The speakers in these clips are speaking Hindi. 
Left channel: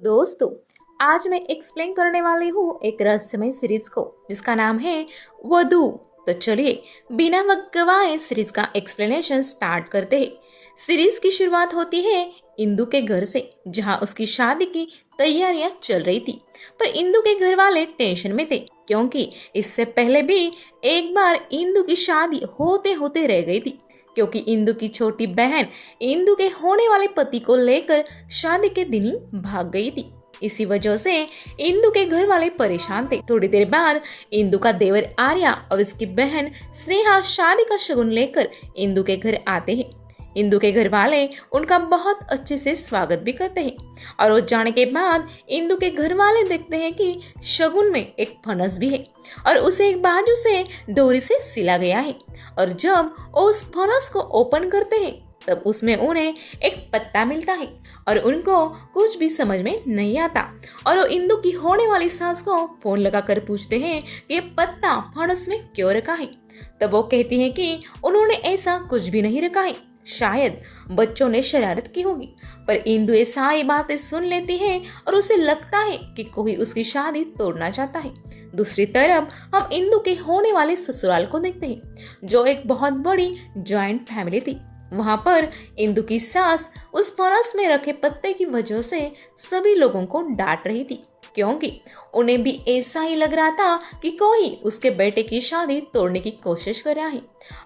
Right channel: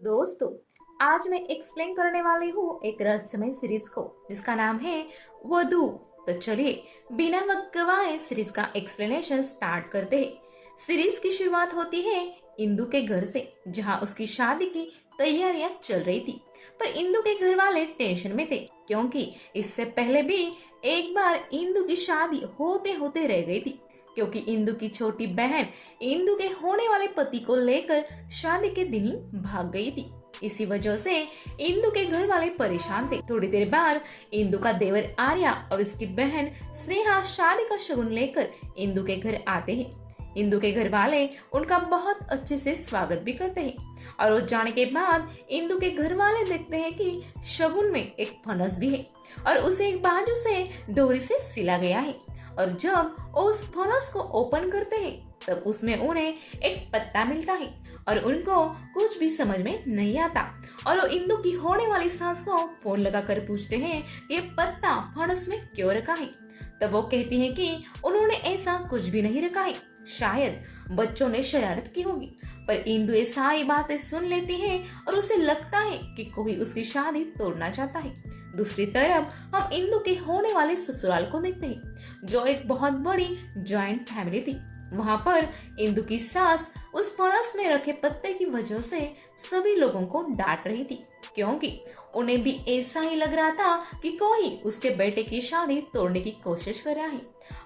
दोस्तों, आज मैं एक्सप्लेन करने वाली हूँ एक रहस्यमय सीरीज को जिसका नाम है वधू। तो चलिए बिना वक्त गवाए सीरीज का एक्सप्लेनेशन स्टार्ट करते हैं। सीरीज की शुरुआत होती है इंदु के घर से, जहाँ उसकी शादी की तैयारियां चल रही थी। पर इंदु के घर वाले टेंशन में थे, क्योंकि इससे पहले भी एक बार इंदु की शादी होते होते रह गई थी, क्योंकि इंदु की छोटी बहन इंदु के होने वाले पति को लेकर शादी के दिन ही भाग गई थी। इसी वजह से इंदु के घर वाले परेशान थे। थोड़ी देर बाद इंदु का देवर आर्या और उसकी बहन स्नेहा शादी का शगुन लेकर इंदु के घर आते हैं। इंदु के घर वाले उनका बहुत अच्छे से स्वागत भी करते हैं और वो जाने के बाद इंदु के घर वाले देखते हैं कि शगुन में एक फनस भी है और उसे एक बाजू से डोरी से सिला गया है। और जब वो उस फनस को ओपन करते हैं तब उसमें उन्हें एक पत्ता मिलता है और उनको कुछ भी समझ में नहीं आता। और वो इंदु की होने वाली सास को फोन लगाकर पूछते हैं कि ये पत्ता फनस में क्यों रखा है। तब वो कहती है कि उन्होंने ऐसा कुछ भी नहीं रखा है, शायद बच्चों ने शरारत की होगी। पर इंदु ये सारी बातें सुन लेती है और उसे लगता है कि कोई उसकी शादी तोड़ना चाहता है। दूसरी तरफ हम इंदु के होने वाले ससुराल को देखते हैं, जो एक बहुत बड़ी जॉइंट फैमिली थी। वहां पर इंदु की सास उस फरस में रखे पत्ते की वजह से सभी लोगों को डांट रही थी, क्योंकि उन्हें भी ऐसा ही लग रहा था कि कोई उसके बेटे की शादी तोड़ने की कोशिश कर रहा है।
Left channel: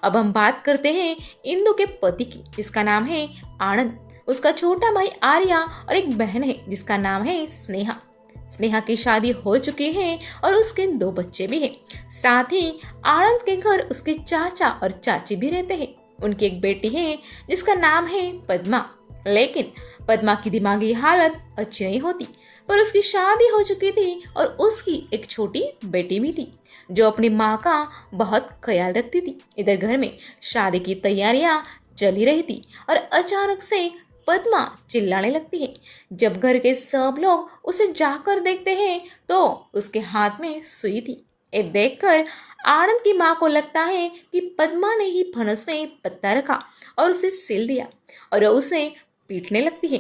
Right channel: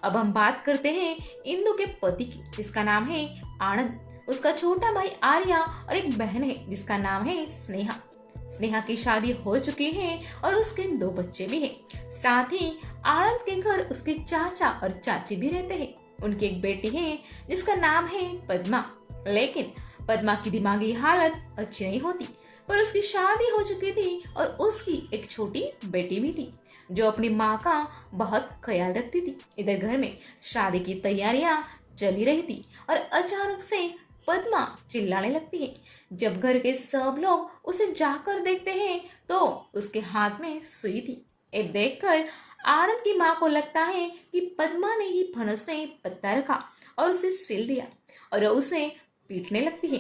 अब हम बात करते हैं इंदु के पति की, जिसका नाम है आनंद। उसका छोटा भाई आर्या और एक बहन है जिसका नाम है स्नेहा। स्नेहा की शादी हो चुकी है और उसके 2 बच्चे भी हैं। साथ ही आनंद के घर उसके चाचा और चाची भी रहते हैं। उनकी एक बेटी है जिसका नाम है पद्मा, लेकिन पद्मा की दिमागी हालत अच्छी नहीं होती। पर उसकी शादी हो चुकी थी और उसकी एक छोटी बेटी भी थी जो अपनी माँ का बहुत ख्याल रखती थी। इधर घर में शादी की तैयारियां चल ही रही थी और अचानक से पद्मा चिल्लाने लगती है। जब घर के सब लोग उसे जाकर देखते हैं तो उसके हाथ में सुई थी। ये देखकर आनंद की माँ को लगता है कि पद्मा ने ही फनस में पत्ता रखा और उसे सिल दिया, और उसे पीटने लगती है,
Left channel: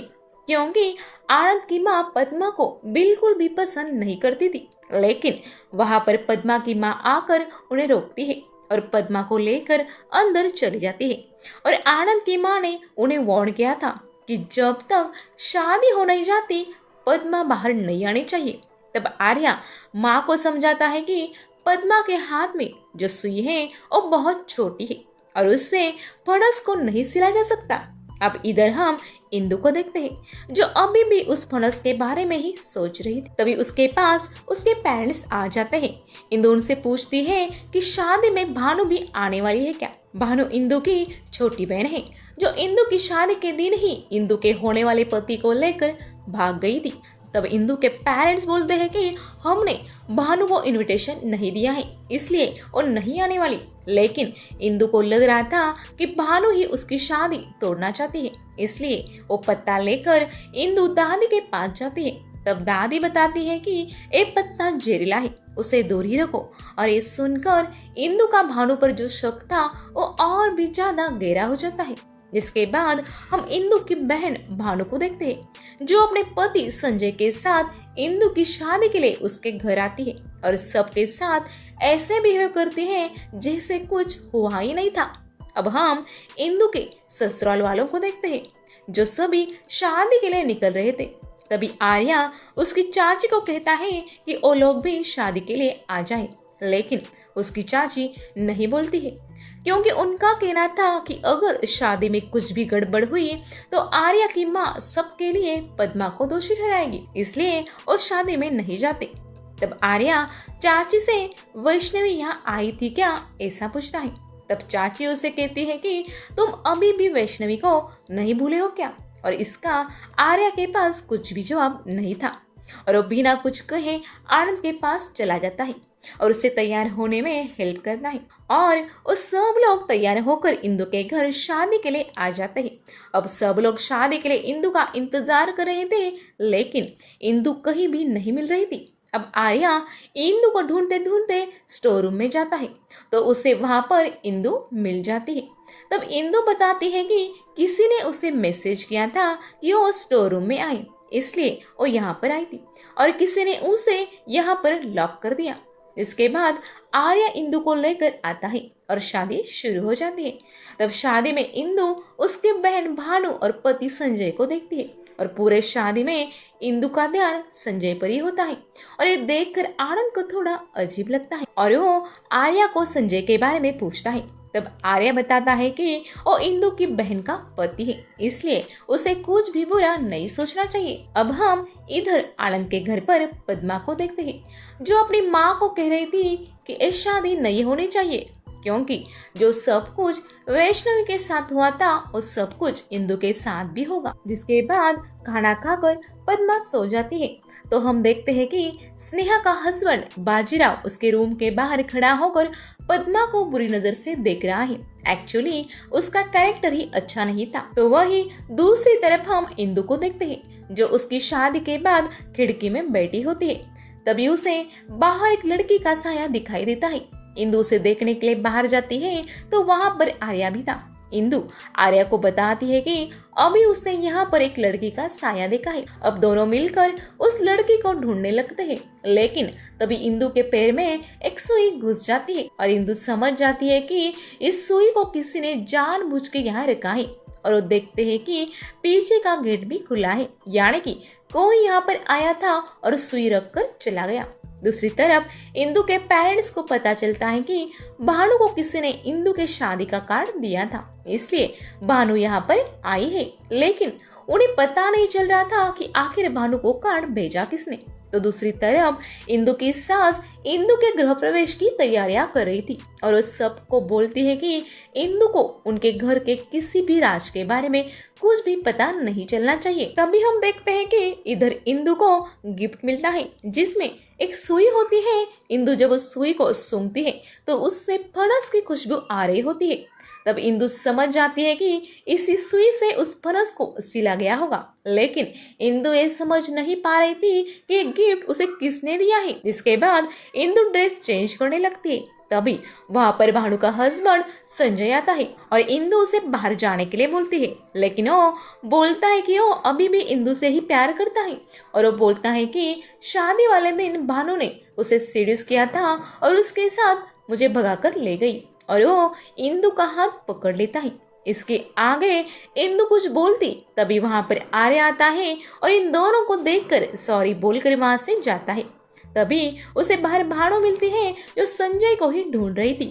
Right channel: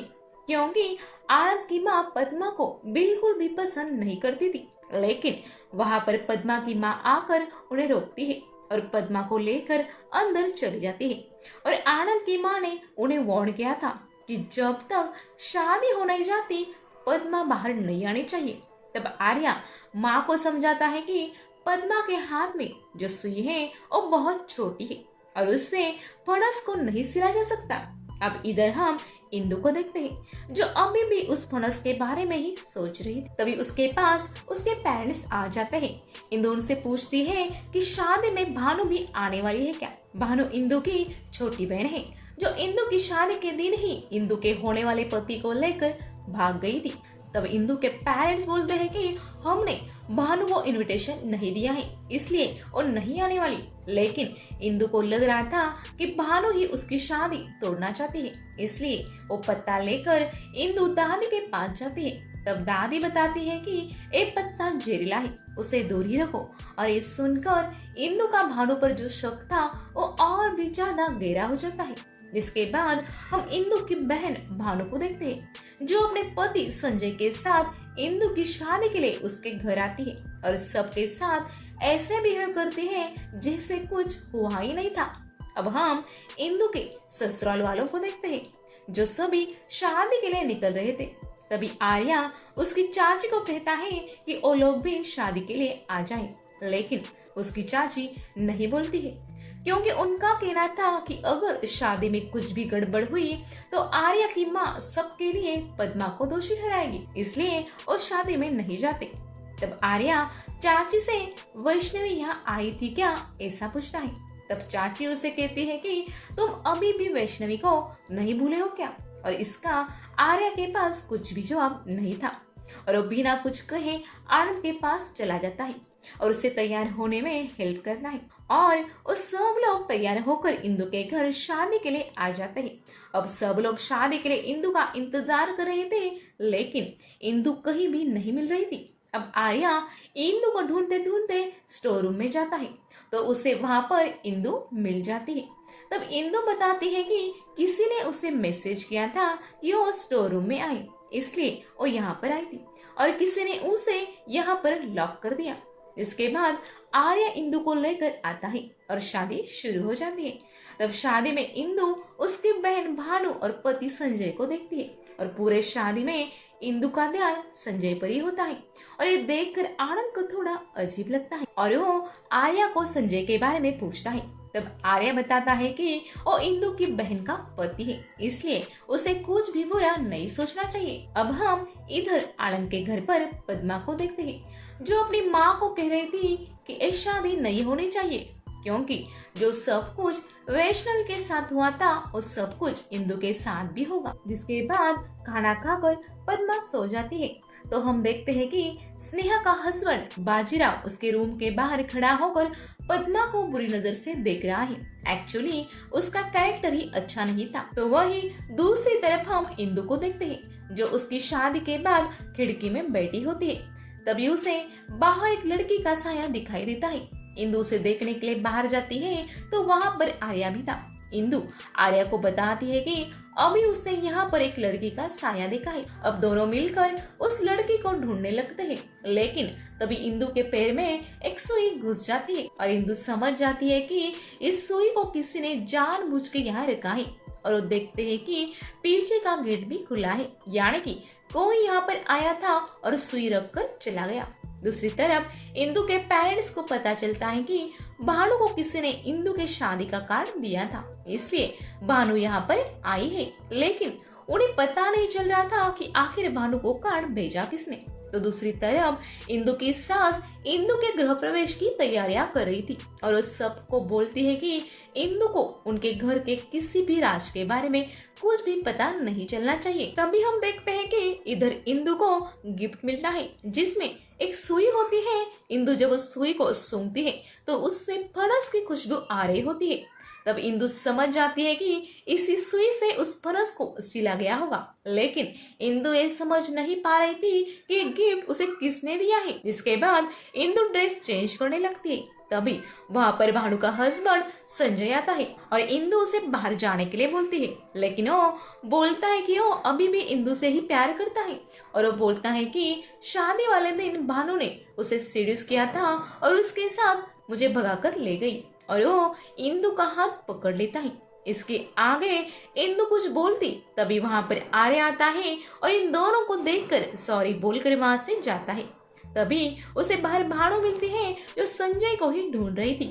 क्योंकि आनंद की माँ पद्मा को बिल्कुल भी पसंद नहीं करती थी। लेकिन वहां पर पद्मा की माँ आकर उन्हें रोकती है और पद्मा को लेकर अंदर चली जाती है। और आनंद की माँ ने उन्हें वार्न किया था कि जब तक शादी हो नहीं जाती पद्मा बाहर नहीं आनी चाहिए। तब आर्या माँ को समझाता है कि पद्मा के हाथ में जो सुई है वो बहुत छोटी है और उससे फणस को नहीं सिला जा सकता। अब इधर हम इंदु को देखते हैं, जो अभी भी उस फणस के बारे में ही सोच रही थी। तभी उसके पास उसके पेरेंट्स आ जाते हैं। इंदु उनसे पूछती है कि शादी में भानु भी आने वाली है क्या। भानु इंदु की छोटी बहन है, जो इंदु की शादी के दिन ही इंदु के होने वाले पति को लेकर भाग गई थी। तब इंदु के पेरेंट्स बोलते हैं कि हमने भानु को इनविटेशन नहीं दिया है, इसलिए वो नहीं आने वाली। लेकिन इंदु को लग रहा था कि भानु ही उसकी शादी तोड़ना चाहती है, इसलिए वो पत्ता लेकर इंदु दादी के पास जाती है। तब दादी बताती है कि ये पत्ता जहरीला है, उसे दूर ही रखो। और ये सुनकर इंदु का भानु पर जो शक था वो और भी ज्यादा गहरा हो जाता है। जिसके बाद हम इंदु की बहन भानु को देखते हैं, जो अपने पति संजय के साथ इंदु की शादी के लिए उसके घर आती है और सबके साथ ऐसे बिहेव करती है जैसे कुछ हुआ ही नहीं था। अब हम इंदु के ससुराल वालों को देखते हैं, जो सभी शादी के लिए निकल रहे थे। तभी आर्या उसकी चाची को कहता है कि वो लोग भी शादी के लिए आ जाएं, लेकिन उसकी चाची नहीं बोलती है, क्योंकि उनका कहना था कि अगर शादी में कुछ भी गड़बड़ हुई तो आर्या की माँ सबके लिए पद्मा को दोषी ठहराएगी, इसलिए वो शादी में नहीं जाते। तब आर्या चाची से वैष्णवी यहाँ आई थी क्या, ऐसा पूछता है। तब चाची उसे कहती है कि तुम अभी भी वैष्णवी को नहीं भूले हो क्या। और इसका आर्या के पास कुछ भी जवाब नहीं था और वो बिना कुछ कहे आनंद के पास चला जाता है और उसे तैयार होने में हेल्प करता है। और वो सब लोग तैयार होकर इंदु के घर शादी के लिए आ जाते हैं। अब सब लोग शादी के लिए इंदु का इंतजार कर रहे थे, लेकिन इंदु कहीं भी नहीं मिल रही थी। अब आर्या इंदु को ढूंढते ढूंढते स्टोर रूम में जाता है तो उसे वहां पर इंदु मिल जाती है। तब इंदु बताती है कि किसी ने उसे मैसेज किया था कि वो स्टोर रूम में आए, इसलिए वो यहाँ पर आई थी और किसी ने उसे यहाँ पर लॉक कर दिया। इसके बाद आर्या इंदु को लेकर आता है और शादी शुरू हो जाती है। तब शादी में इंदु उसके बहन भानु और पति संजय को देखती है और पूरे शादी में इंदु का ध्यान संजय पर ही होता है और ये देखकर आनंद को थोड़ा अजीब लगता है और वो आर्या को संजय के बारे में पूछता है। तब आर्या बताता है कि वो इंदु की बहन का पति है, इसलिए उसे कुछ भी बुरा नहीं सोचना चाहिए। अब हम इधर आनंद के घर पर पद्मा को देखते हैं जो अपनी माँ को कह रही थी कि ये शादी नहीं होनी चाहिए क्योंकि जो सब कुछ वैष्णवी के साथ हुआ था वो सब कुछ इंदु के साथ भी होगा। जिसके बाद खाना खाकर पद्मा सो जाती है तो हम देखते हैं कि स्नेहा का हस्बैंड बाजीराव उसके रूम के बाहर खड़ा होकर पद्मा को बुरी नजर से देख रहा है। एक्चुअली उसका कैरेक्टर ही अच्छा नहीं था। तो वही दूसरी तरफ हम इंदु को देखते हैं जो उसकी शादी के बाद खिड़की में बैठी होती है। तभी उसे बाहर एक लड़की का साया दिखाई देता है। इंदु उसे देखने के लिए बाहर जाती है तो वहाँ पर आर्या भी था। इंदु आर्या को बताती है कि अभी उसने यहाँ पर एक लड़की का साया देखा है। अब दोनों मिलकर उस लड़की को ढूंढने लगते हैं, लेकिन तभी इंदु के पैर में एक सुई घुस जाती है और इंदु समझ जाती है कि इस सुई को किसी ने जानबूझ के यहाँ रखा है और वो देखते हैं कि पीछे का गेट भी खुला है, यानी कि कोई यहाँ पर आया था और सुई रख कर चला गया। दूसरी तरफ इंदु के पेरेंट्स को पता चलता है कि भानु को किसी ने इंदु के शादी का कार्ड दिया था, इसलिए भानु यहाँ पर आई है, लेकिन उन्हें पता नहीं चल रहा था कि आखिर भानु को कार्ड भेजा किसने। तो दूसरी तरफ इंदु की सास इंदु के गृह प्रवेश की तैयारियां कर रही थी और वो सबको बोलती है कि इंदु को उनके घर के किसी भी राज के बारे में कुछ भी पता नहीं चलना चाहिए। तभी हम देखते हैं कि इधर इंदु को गिफ्ट मिलता है जिसमें एक सुई होती है। इंदु जब उस सुई को सूंघती है तो उससे फणस की खुशबू आ रही होती है। तब इंदु समझ जाती है कि इसी सुई से उस फणस को सिला गया होगा, लेकिन इंदु ये समझ नहीं पा रही थी कि ये गिफ्ट उसे किसने दिया है। जिसके बाद इंदु ड्रेस चेंज करने लगती है। तभी वहाँ पर भानु का हस्बैंड संजय आता है और इंदु उसे बाहर जाने के लिए बोलती है, लेकिन वो बोलता है कि वो अभी भी इंदु से ही प्यार करता है और वो बोलता है कि शादी वाले दिन भानु ने उसे सीड्यूस किया था और उसके साथ मुझे भगाकर ले गई और वो इंदु का हाथ पकड़ लेता है। इसके आगे इंदु कुछ बोलती तभी वहाँ पर आर्या आता है और इन दोनों को देखकर सॉरी बोलकर वहाँ से जाता है। तभी उसे बाहर भानु मिलती है जो संजय को ही ढूंढ रही थी।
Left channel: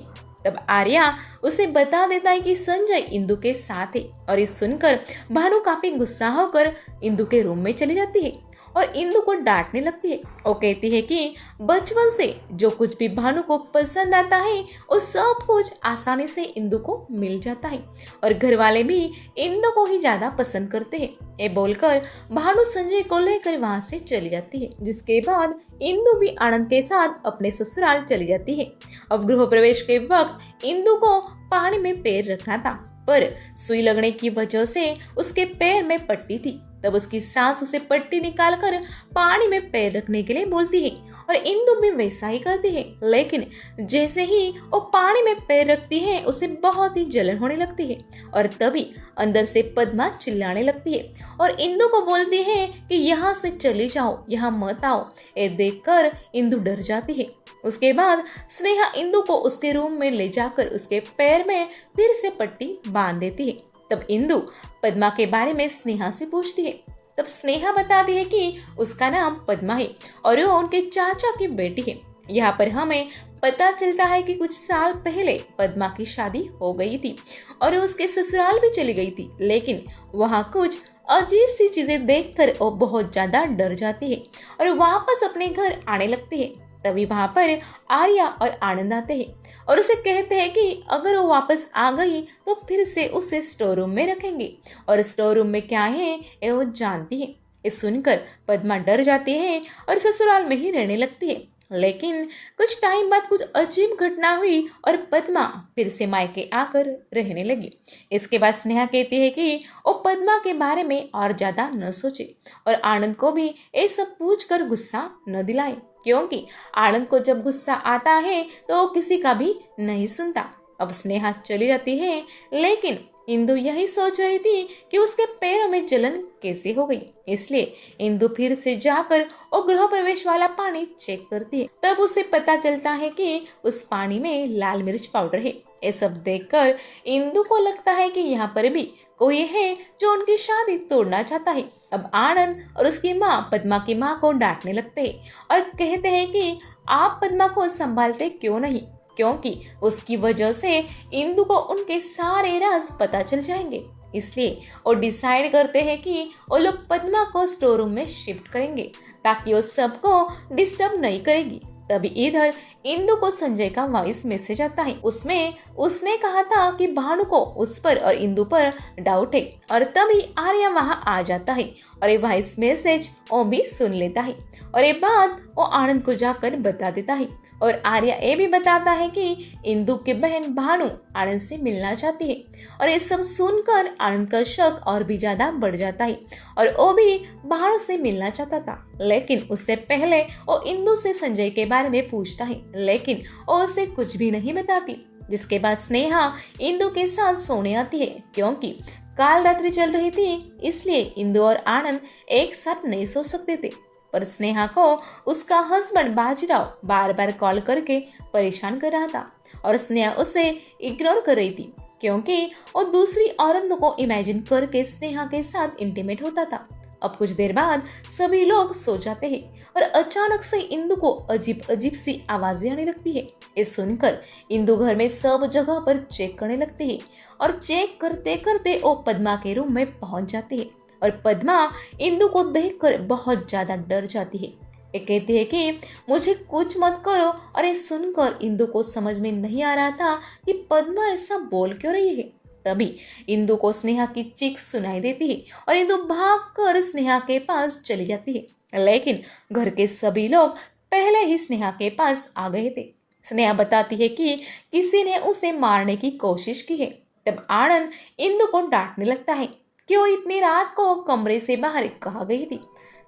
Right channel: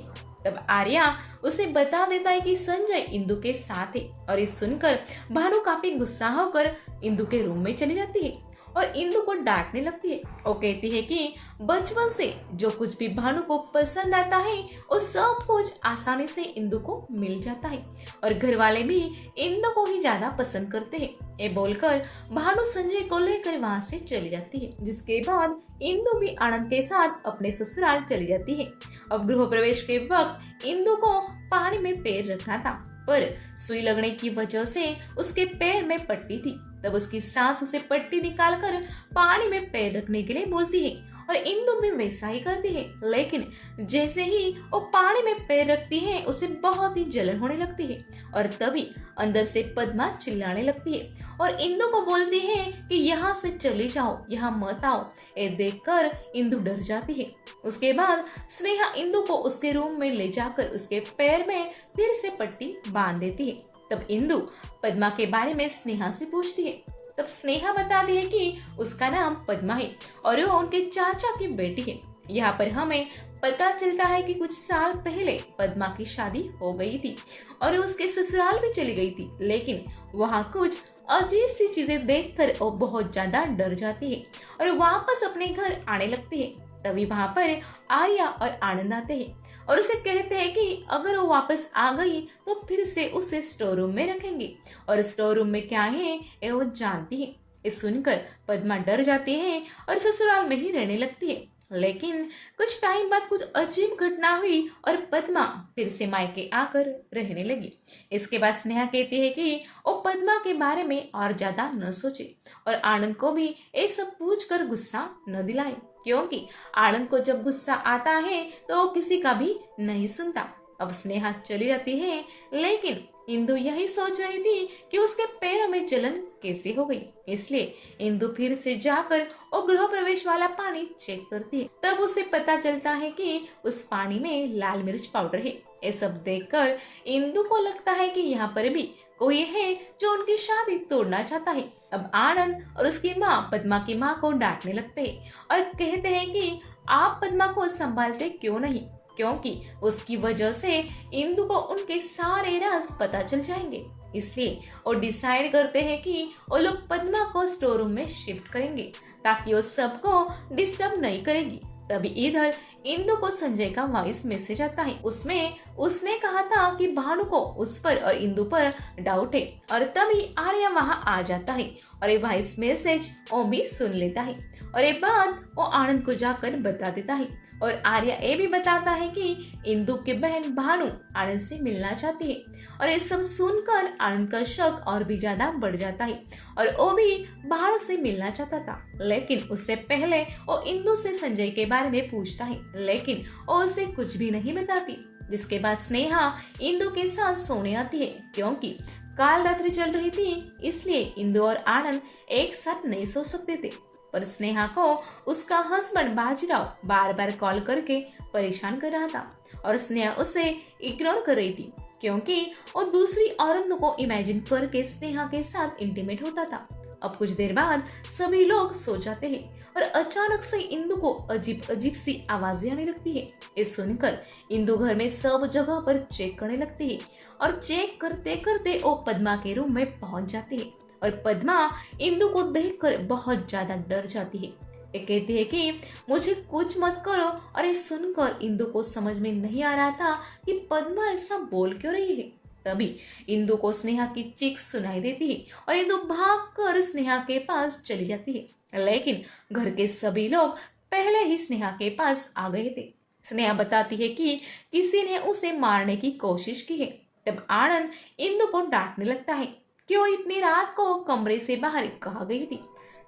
तब आर्या उसे बता देता है कि संजय इंदु के साथ है और इस सुनकर भानु काफी गुस्सा होकर इंदु के रूम में चली जाती है और इंदु को डांटने लगती है। वो कहती है कि बचपन से जो कुछ भी भानु को पसंद आता है वो सब कुछ आसानी से इंदु को मिल जाता है और घर वाले भी इंदु को ही ज्यादा पसंद करते हैं। ये बोलकर भानु संजय को लेकर वहाँ से चली जाती है। जिसके बाद इंदु भी आनंद के साथ अपने ससुराल चली जाती है। अब गृह प्रवेश के वक्त इंदु को पानी में पैर रखना था पर सुई लगने की वजह से उसके पैर में पट्टी थी। तब उसकी सास उसे पट्टी निकालकर पानी में पैर रखने के लिए बोलती है और इंदु भी वैसा ही करती है, लेकिन जैसे ही वो पानी में पैर रखती है उसे बहुत ही जलन होने लगती है और तभी अंदर से पद्मा चिल्लाने लगती है और इंदु को बोलती है कि यहाँ से चली जाओ, यहाँ मत आओ। ये देखकर इंदु डर जाती है। उसके बाद स्नेहा इंदु को उसके रूम में ले जाकर उसके पैर में फिर से पट्टी बांध देती है। तब इंदु पद्मा के बारे में स्नेहा से पूछती है। तब स्नेहा बताती है कि उसका नाम पद्मा है और वो उनके चाचा की बेटी है। यहाँ पर हमें पता चलता है कि कुछ साल पहले पद्मा की शादी हो गई थी और उसके ससुराल भी चली गई थी, लेकिन वहाँ कुछ अजीब सी चीजें देखकर वो बहुत ज्यादा डर जाती है और वापस अपने घर आने लगती है। तभी वहाँ पर आर्या और आनंद आते हैं और उसे कहते हैं कि अगर वो वापस आ गई तो फिर से उसे स्टोर रूम में रखेंगे और स्टोर रूम में क्या है ये वो जानती है। इस सुनकर पद्मा डर जाती है और ससुराल में ही रहने लगती है, लेकिन कुछ टाइम बाद कुछ अजीब घटना हुई और पद्मा फिर से मायके आकर रहने लगी। इसके बाद स्नेहा कहती है कि वो पद्मा के बारे में और ज्यादा न सोचे और आनंद को भी ये सब पूछकर गुस्सा न दिलाए, क्योंकि आनंद को जब गुस्सा आता है तो वो किसी का भी नहीं सुनता। अब स्नेहा चली जाती है, लेकिन इंदु यही सोच रही थी कि उसके पैरों में जलन कैसे हो गई। इसलिए इंदु फिर से जाकर वो गृह प्रवेश वाला पानी चेक करती है। तब उसे पता चलता है कि उस पानी में लाल मिर्च पाउडर है। ये सब देखकर इंदु को लगता है कि यहाँ पर भी कोई है जो उनकी शादी तोड़ना चाहता है। अब आनंद और उसकी माँ पद्मा की माँ को डांटने लगते हैं और कहते हैं कि आप पद्मा को संभालते क्यों नहीं, क्योंकि उसकी वजह से इंदु को उनके सारे राज पता चल जाएंगे। इसलिए वो डिसाइड करते हैं कि वो लोग पद्मा को स्टोर रूम में शिफ्ट करेंगे ताकि वो सबको डिस्टर्ब नहीं करेगी। तभी इधर इंदु को संजय का वॉइस मैसेज आता है। उसमें उसने कहा था कि भानु को उस पर और इंदु पर डाउट है और तभी आर्या वहाँ आ जाता है और ये वॉइस मैसेज वो भी सुन लेता है और ये बात वो आनंद को जाकर बता देता है। और आर्या ये भी बताता है कि इंदु की बहन भानु आनंद से मिलना चाहती है और ये सब सुनकर आनंद का शक और भी ज्यादा बढ़ जाता है और वो भी भानु से मिलना चाहता था। लेकिन उससे पहले वो इंदु से संजय के बारे में पूछता है, लेकिन वो उसे कुछ भी नहीं बताती। जिसके बाद स्नेहा इंदु के साथ सोने आती है क्योंकि काल रात्रि चल रही थी, इसलिए इंदु और आनंद एक साथ नहीं सो सकते थे। पर स्नेहा को उसका हस्बैंड बाजीराव बार बार कॉल करके परेशान कर रहा था और स्नेहा उसे इग्नोर कर रही थी क्योंकि वो दूसरी औरतों को इमेजिन करके स्नेहा के साथ इंटीमेट होता था। अब कुछ देर बाद सभी लोग सो जाते हैं और अचानक से इंदु को अजीब अजीब सी आवाजें आने लगती है। ये सुनकर इंदु घर में सब जगह पर चेक करने लगती है और चेक करते करते वो पद्मा के रूम में पहुंच जाती है और पद्मा इंदु को देखकर बहुत ज्यादा डर जाती है। ये कहती है कि मुझे कुछ मत करो और ये सुनकर इंदु को समझ में नहीं आ रहा था कि पद्मा ऐसा बोल क्यों रही है। तभी इंदु को स्नेहा की चीख सुनाई देती है और इंदु भागकर स्नेहा के पास चली जाती है। लेकिन घर के सभी लोग पहले ही स्नेहा के पास आ गए थे। स्नेहा बताती है कि किसी ने उसे मारने की कोशिश की है। तब आनंद इंदु को डांटने लगता है कि वो इतनी रात को कमरे से बाहर कहाँ गई थी।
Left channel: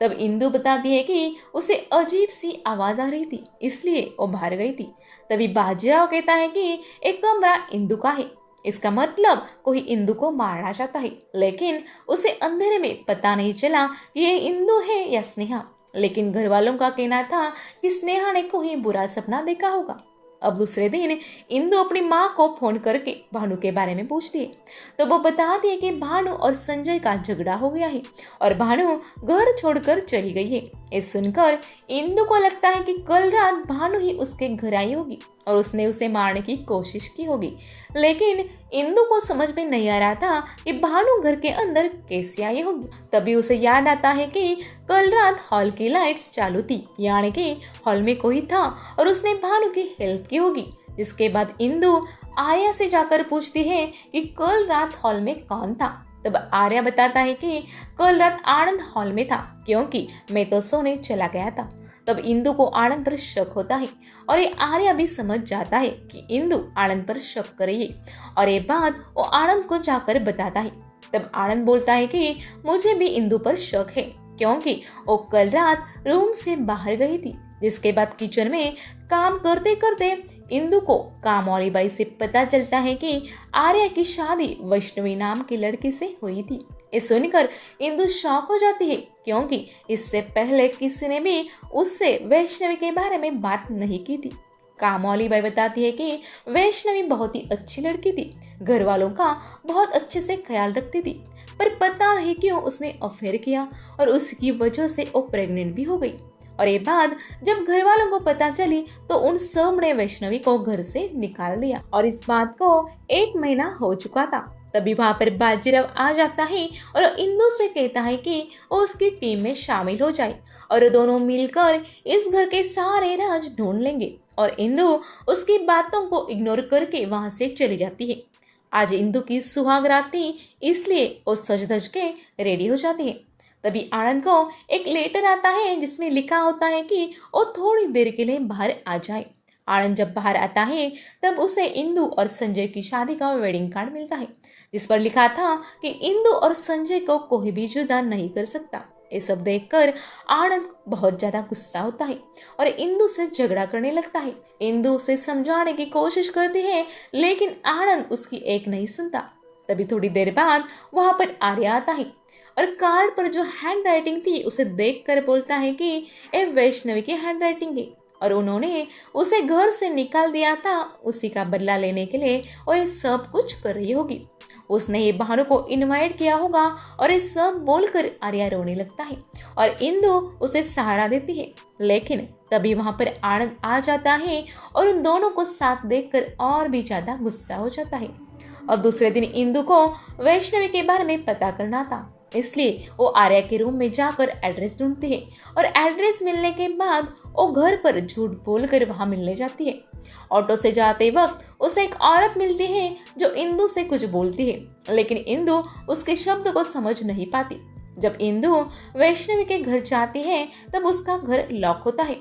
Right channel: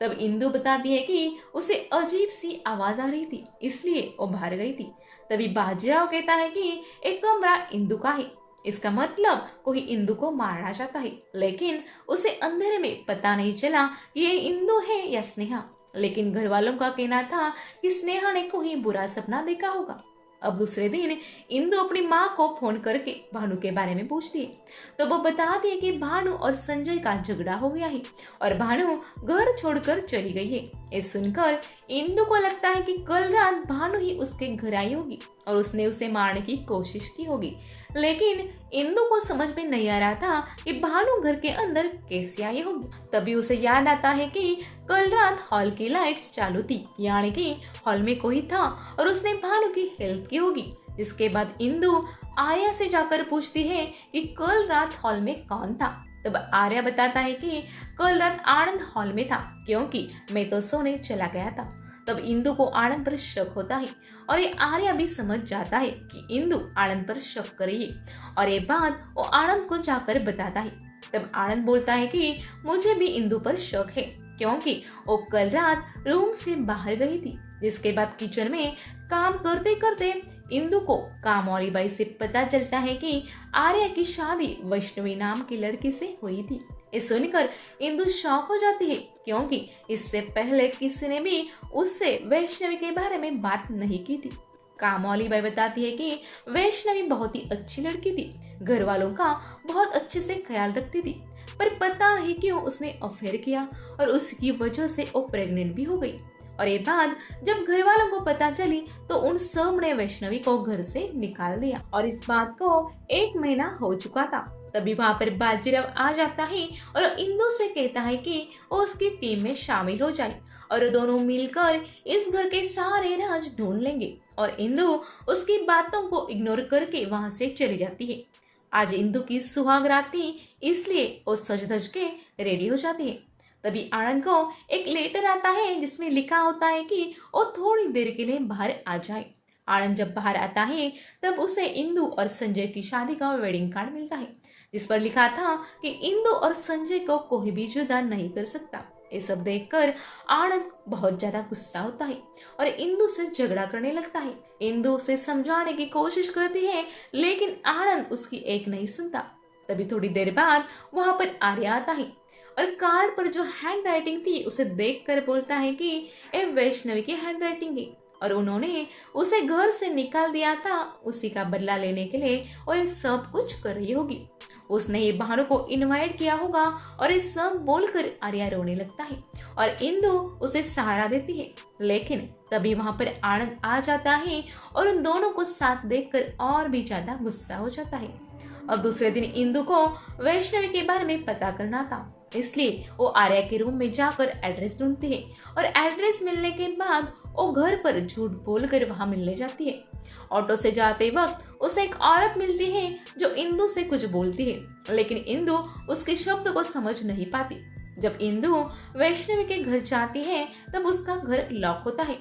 तब इंदु बताती है कि उसे अजीब सी आवाज आ रही थी, इसलिए वो बाहर गई थी। तभी बाजीराव कहता है कि एक कमरा इंदु का है, इसका मतलब कोई इंदु को मारना चाहता है। लेकिन उसे अंधेरे में पता नहीं चला कि ये इंदु है या स्नेहा। लेकिन घर वालों का कहना था कि स्नेहा ने कोई बुरा सपना देखा होगा। अब दूसरे दिन इंदु अपनी माँ को फोन करके भानु के बारे में पूछती है तो वो बताती है कि भानु और संजय का झगड़ा हो गया है और भानु घर छोड़कर चली गई है। ये सुनकर इंदु को लगता है कि कल रात भानु ही उसके घर आई होगी और उसने उसे मारने की कोशिश की होगी। लेकिन इंदु को समझ में नहीं आ रहा था कि भानु घर के अंदर कैसे आई होगी। तभी उसे याद आता है कि कल रात हॉल की लाइट्स चालू थी, यानी कि हॉल में कोई था और उसने भानु की हेल्प की होगी। जिसके बाद इंदु आर्या से जाकर पूछती है कि कल रात हॉल में कौन था। तब आर्या बताता है कि कल रात आनंद हॉल में था क्योंकि मैं तो सोने चला गया था। तब इंदु को आनंद पर शक होता है और ये आर्या भी समझ जाता है कि इंदु आनंद पर शक कर रही है और ये बात वो आनंद को जाकर बताता है। तब आनंद बोलता है कि मुझे भी इंदु पर शक है क्योंकि वो कल रात रूम से बाहर गई थी। जिसके बाद किचन में काम करते करते इंदु को काम वाली बाई से पता चलता है कि आर्या की शादी वैष्णवी नाम की लड़की से हुई थी। ये सुनकर इंदु शॉक हो जाती है क्योंकि इससे पहले किसी ने भी उससे वैष्णवी के बारे में बात नहीं की थी। काम वाली बाई बताती है कि वैष्णवी बहुत ही अच्छी लड़की थी, घर वालों का बहुत अच्छे से ख्याल रखती थी, पर पता नहीं क्यों उसने अफेयर किया और उसकी वजह से वो प्रेग्नेंट भी हो गई। और ये बात जब घर वालों को पता चली तो उन सब ने वैष्णवी को घर से निकाल दिया और इस बात को 1 महीना हो चुका था। तभी वहाँ पर बाजीराव आ जाता है और इंदु से कहता है कि वो उसकी टीम में शामिल हो जाए और दोनों मिलकर इस घर के सारे राज ढूंढ लेंगे। और इंदु उसकी बातों को इग्नोर करके वहाँ से चली जाती है। आज इंदु की सुहाग रात थी, इसलिए वो सज धज के रेडी हो जाती है। तभी आनंद को एक लेटर आता है जिसमें लिखा होता है कि वो थोड़ी देर के लिए बाहर आ जाए। आनंद जब बाहर आता है तब उसे इंदु और संजय की शादी का वेडिंग कार्ड मिलता है जिस पर लिखा था कि इंदु और संजय को कोई भी जुदा नहीं कर सकता। ये सब देखकर आनंद बहुत ज्यादा गुस्सा होता है और इंदु से झगड़ा करने लगता है। इंदु उसे समझाने की कोशिश करती है लेकिन आनंद उसकी एक नहीं सुनता। तभी थोड़ी देर बाद वहां पर आर्या आता है और कार्ड पर जो हैंड राइटिंग थी उसे देखकर बोलता है कि ये वैष्णवी की हैंड राइटिंग है और उन्होंने उसे घर से निकाल दिया था, उसी का बदला लेने के लिए और ये सब कुछ कर रही होगी। उसने ये भानु को इनवाइट किया होगा और ये सब बोलकर आर्या रोने लगता है और इंदु उसे सहारा देती है। लेकिन तभी वहां पर आनंद आ जाता है और उन दोनों को साथ देखकर और भी ज्यादा गुस्सा हो जाता है। अब दूसरे दिन इंदु को वैष्णवी के बारे में पता करना था, इसलिए वो आर्या के रूम में जाकर एड्रेस ढूंढती है और एड्रेस मिलने के बाद वो घर पर झूठ बोलकर वहां मिलने जाती है। ऑटो से जाते वक्त उसे एक औरत मिलती है जो इंदु से कुछ बोलती है, लेकिन इंदु उसके शब्द को समझ नहीं पाती। जब इंदु वैष्णवी के घर जाती है तब उसका घर लॉक होता है।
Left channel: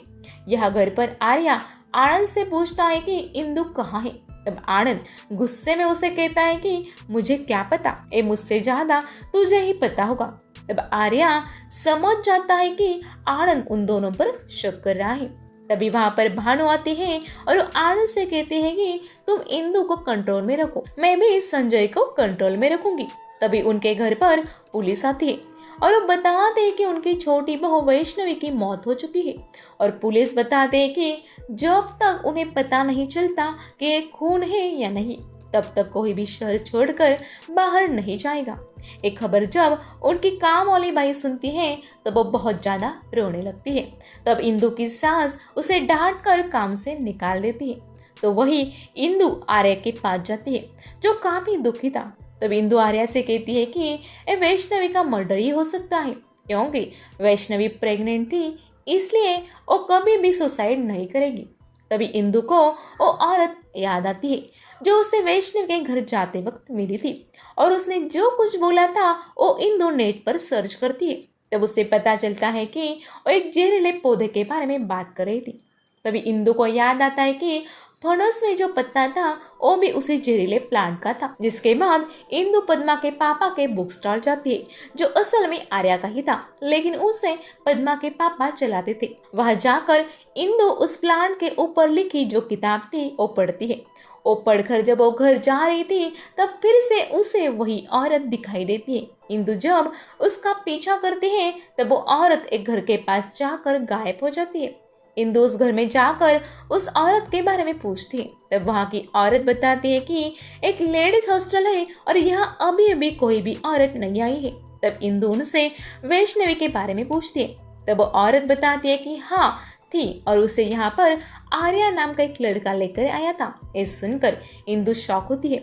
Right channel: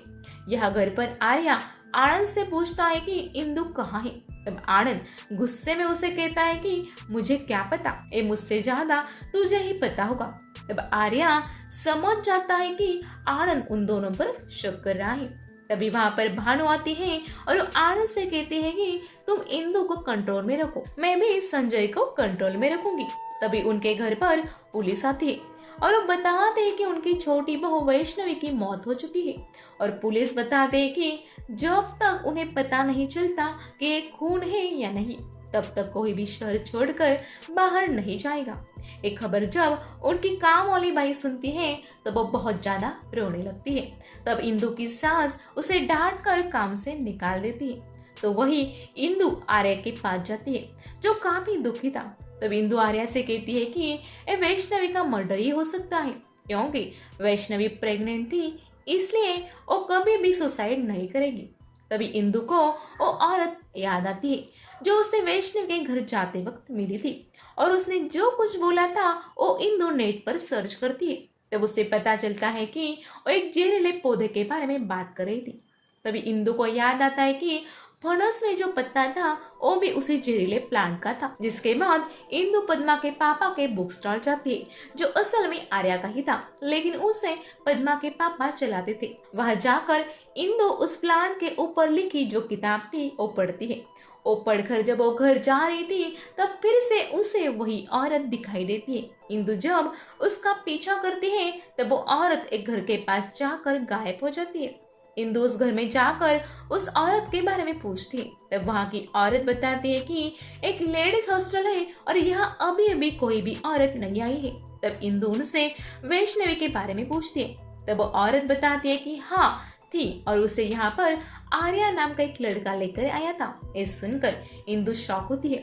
यह घर पर आर्या आनंद से पूछता है कि इंदु कहाँ है। तब आनंद गुस्से में उसे कहता है कि मुझे क्या पता, ये मुझसे ज्यादा तुझे ही पता होगा। तब आर्या समझ जाता है कि आनंद उन दोनों पर शक कर रहा है। तभी वहां पर भानु आती है और आनंद से कहती है कि तुम इंदु को कंट्रोल में रखो, मैं भी संजय को कंट्रोल में रखूंगी। तभी उनके घर पर पुलिस आती है और वो बताते हैं कि उनकी छोटी बहू वैष्णवी की मौत हो चुकी है और पुलिस बताते हैं कि जब तक उन्हें पता नहीं चलता कि ये खून है या नहीं तब तक कोई भी शहर छोड़कर बाहर नहीं जाएगा। एक खबर जब उनकी काम वाली बाई सुनती है तब वो बहुत ज्यादा रोने लगती है। तब इंदु की सास उसे डांट कर काम से निकाल देती है। तो वही इंदु आर्या के पास जाती है जो काफी दुखी था। तब इंदु आर्या से कहती है कि ये वैष्णवी का मर्डर ही हो सकता है, क्योंकि वैष्णवी प्रेग्नेंट थी, इसलिए वो कभी भी सुसाइड नहीं करेगी। तभी इंदु को वो औरत याद आती है जो उसे वैष्णव के घर जाते वक्त मिली थी और उसने जो कुछ बोला था वो इंदु नेट पर सर्च करती है। तब उसे पता चलता है कि वो एक जहरीले पौधे के बारे में बात कर रही थी। तभी इंदु को याद आता है कि फणस में जो पत्ता था वो भी उसी जहरीले प्लांट का था। जिसके बाद इंदु पद्मा के पापा के बुक स्टॉल जाती है जो असल में आर्या का ही था, लेकिन उसे पद्मा के पापा चलाते थे। वहां जाकर इंदु उस प्लांट के ऊपर लिखी जो किताब थी वो पढ़ती है। वो पढ़कर जब वो घर जा रही थी तब फिर से उसे वही औरत दिखाई देती है। इंदु जब उसका पीछा करती है तब वो औरत एक घर के पास जाकर गायब हो जाती है। इंदु उस घर में जाकर उस औरत के बारे में पूछती है। तब वहाँ की औरत बताती है कि एक लेडीज हॉस्टल है और यहाँ अभी अभी कोई भी औरत नहीं आई है। तब इंदु उनसे वैष्णवी के बारे में पूछती है। तब वो औरत बताती है कि हाँ थी और उसे यहाँ पर आर्या नाम का एक लड़का लेकर आया था। ये सुनकर इंदु शॉक होती है,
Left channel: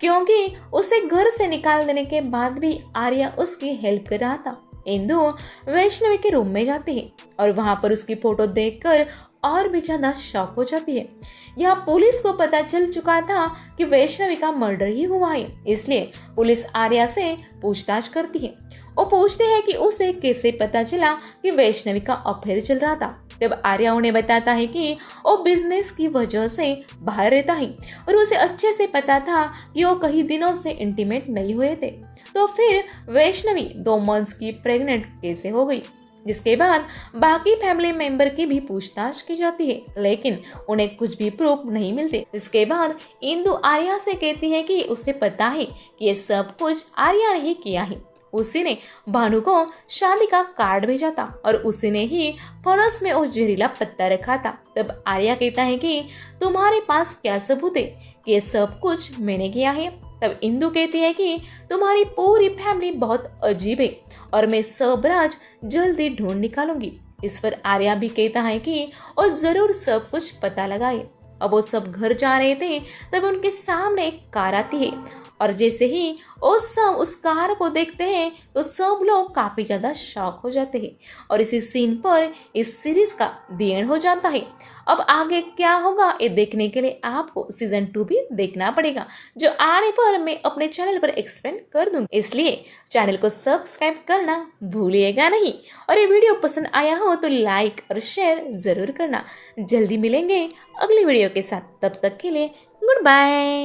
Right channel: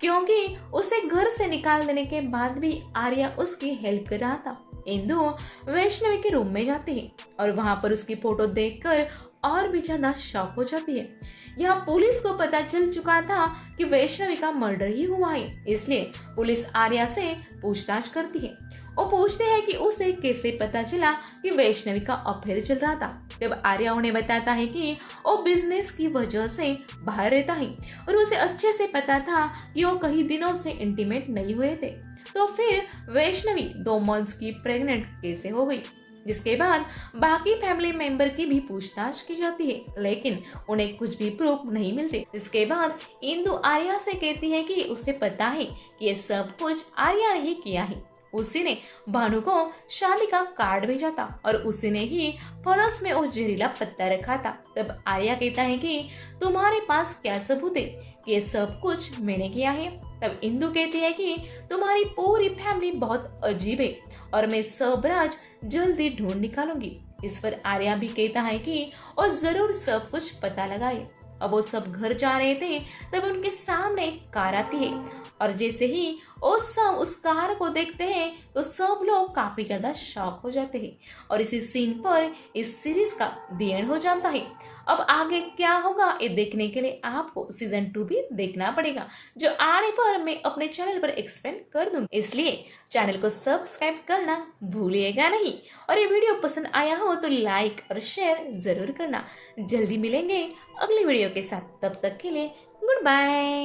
क्योंकि उसे घर से निकाल देने के बाद भी आर्या उसकी हेल्प कर रहा था। इंदु वैष्णवी के रूम में जाती है और वहां पर उसकी फोटो देखकर और भी ज्यादा शॉक हो जाती है। यहाँ पुलिस को पता चल चुका था कि वैष्णवी का मर्डर ही हुआ है, इसलिए पुलिस आर्या से पूछताछ करती है। वो पूछते हैं कि उसे कैसे पता चला कि वैष्णवी का अफेयर चल रहा था। तब आर्या उन्हें बताता है कि वो बिजनेस की वजह से बाहर रहता है और उसे अच्छे से पता था कि वो कई दिनों से इंटीमेट नहीं हुए थे। तो फिर वैष्णवी 2 मंथ्स की प्रेग्नेंट कैसे हो गई। जिसके बाद बाकी फैमिली मेंबर की भी पूछताछ की जाती है, लेकिन उन्हें कुछ भी प्रूफ नहीं मिलते। इसके बाद इंदु आर्या से कहती है कि उसे पता है कि ये सब कुछ आर्या ने ही किया है। उसी ने भानु को शादी का कार्ड भेजा था और उसी ने ही फणस में उस जहरीला पत्ता रखा था। तब आर्या कहता है कि तुम्हारे पास क्या सबूत है कि ये सब कुछ मैंने किया है। तब इंदु कहती है कि तुम्हारी पूरी फैमिली बहुत अजीब है और मैं सब राज जल्दी ढूंढ निकालूंगी। इस पर आर्या भी कहता है कि वो जरूर सब कुछ पता लगाए। अब वो सब घर जा रहे थे तब उनके सामने एक कार आती है और जैसे ही वो सब उस कार को देखते हैं तो सब लोग काफी ज्यादा शॉक हो जाते हैं और इसी सीन पर इस सीरीज का द एंड हो जाता है। अब आगे क्या होगा ये देखने के लिए आपको सीजन 2 भी देखना पड़ेगा, जो आने पर मैं अपने चैनल पर एक्सप्लेन कर दूंगी, इसलिए चैनल को सब्सक्राइब करना भूलिएगा नहीं। और ये वीडियो पसंद आया हो तो लाइक और शेयर जरूर करना। जल्दी मिलेंगे अगली वीडियो के साथ, तब तक के लिए गुड बाय।